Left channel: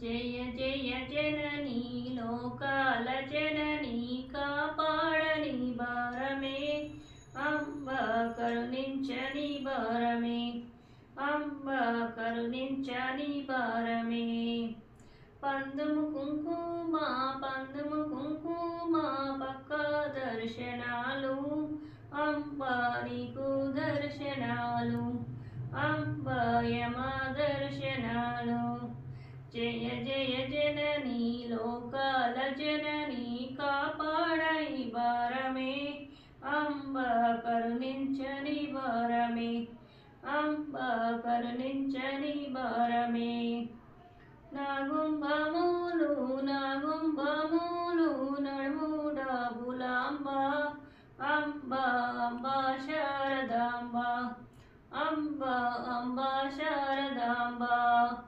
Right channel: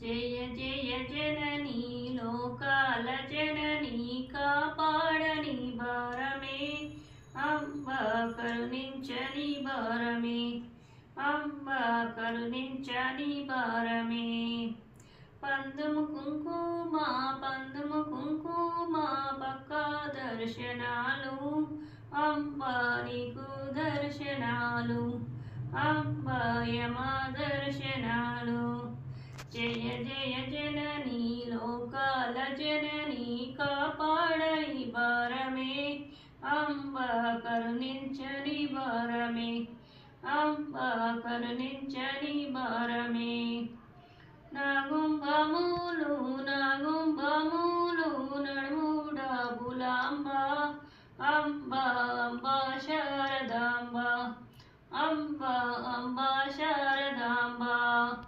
జయ జయ జననీ లోకాల జననీ కాపాడని భారమే అంబ కరుణించని భారమే అంబ కరుణించని భారమే పందుము కుంకుమ పక్క దర్శనాలు అంబ నీకు దర్శనాలు అంబ యమ దర్శనాలు జయ జయ జననీ లోకాల జననీ కాపాడని భారమే అంబ కరుణించని భారమే అంబ కరుణించని భారమే